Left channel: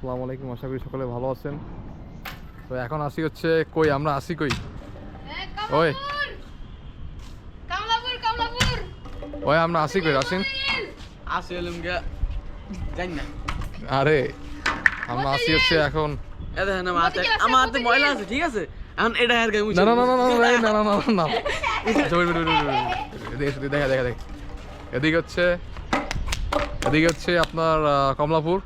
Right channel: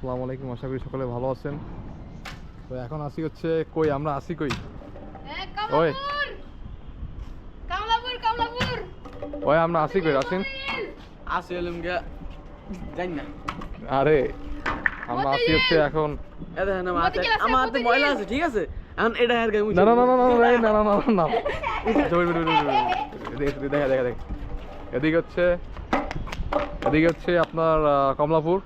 আসসালামু আলাইকুম, আশা করি সকলে ভালো আছেন। তো এখন আসি হচ্ছে কই, আমরা আসি কই? ওই ওই আমরা আসি কই রাসিন? আসি হলাম গিয়া জানি না। আরে আমরা আসি হচ্ছে এখন। এ দেখেন আমার হাতে ময়লা আছে, ঠিক আছে? এখন এটা আর গায়ে মুছে না না না না না না না না না না দেখা দেখা দেখ। এদিকে হচ্ছে আপনার কমলাপুর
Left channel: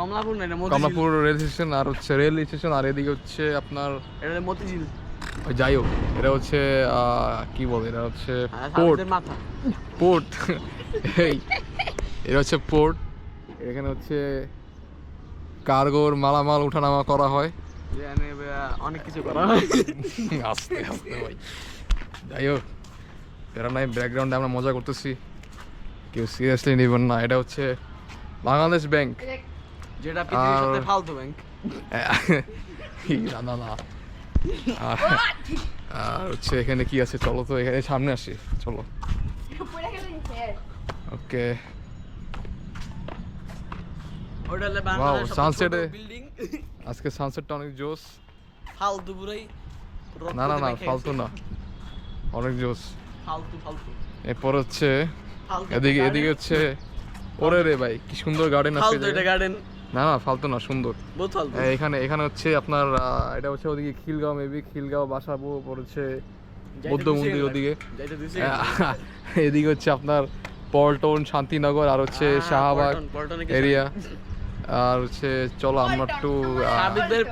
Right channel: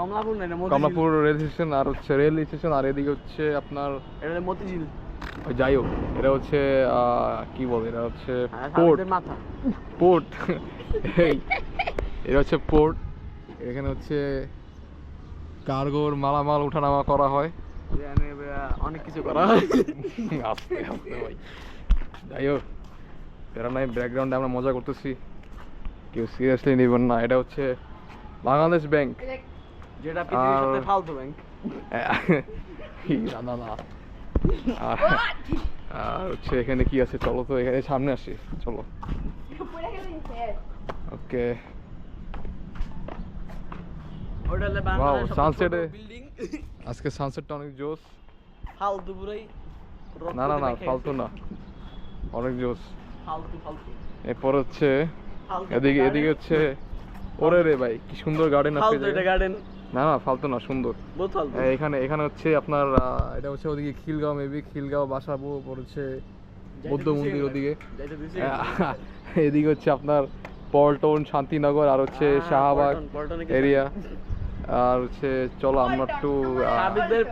কমলাপুর না, এটা মতিঝিল। কমলাপুর রেল স্টেশন, আর হচ্ছে রেল স্টেশন, আর এদিকে হচ্ছে আপনার এটা মতিঝিল। ওই যাই হোক, এটা হচ্ছে কি বলে, এটা হচ্ছে পোর্ট। সাবিতের মাথা। পোর্ট এটা হচ্ছে পোর্ট। এখানে হচ্ছে কার্গোর মালামাল উঠানামা করা হয়। এখানে অনেক কিছু করা হয়। আস্তে আস্তে ভাই, যাই হোক, এরা নাই, ব্যাকগ্রাউন্ডে আমরা মজা করতেছি, কেউ সিরিয়াসলি নেবেন না। এটা হচ্ছে বাংলাদেশ ব্যাংক, যেটা পৃথিবীর সাথে ফালতু ব্যাংক। না না না। আর হচ্ছে এখানে কি আছে, চলো তো এখানে সামনে আসি, চলো। ওকে, ওটা হলো বাংলাদেশের সানসেটে সবচেয়ে ছোট বিল্ডিং। আজকে সানসেটটা অনেক জোস। ফালতু পুরাই। না না না, ফালতু না, অনেক জোস। ফালতু। এরপর হচ্ছে ফালতু এদিকে garden। এদিকে হচ্ছে, ওরে রে ভাই কি সুন্দর গার্ডেন আছে। ফালতু এটা গার্ডেন। না না, ফালতু না, সুন্দর। বহুত ফালতু। এখানে হচ্ছে আপনার এটা হচ্ছে ওদিকে খিলগাঁও, মেবি খিলগাঁও বাসাবো, ওপর হচ্ছে বৌদ্ধ মন্দির ওদিকে। যাইতে দিছি। এদিকে হচ্ছে আপনার পল্টন, শান্তিনগর, আর হচ্ছে শাহবাগ পল্টনে কি এরিয়া। আর হচ্ছে চলো আমরা একটু সাবিতদের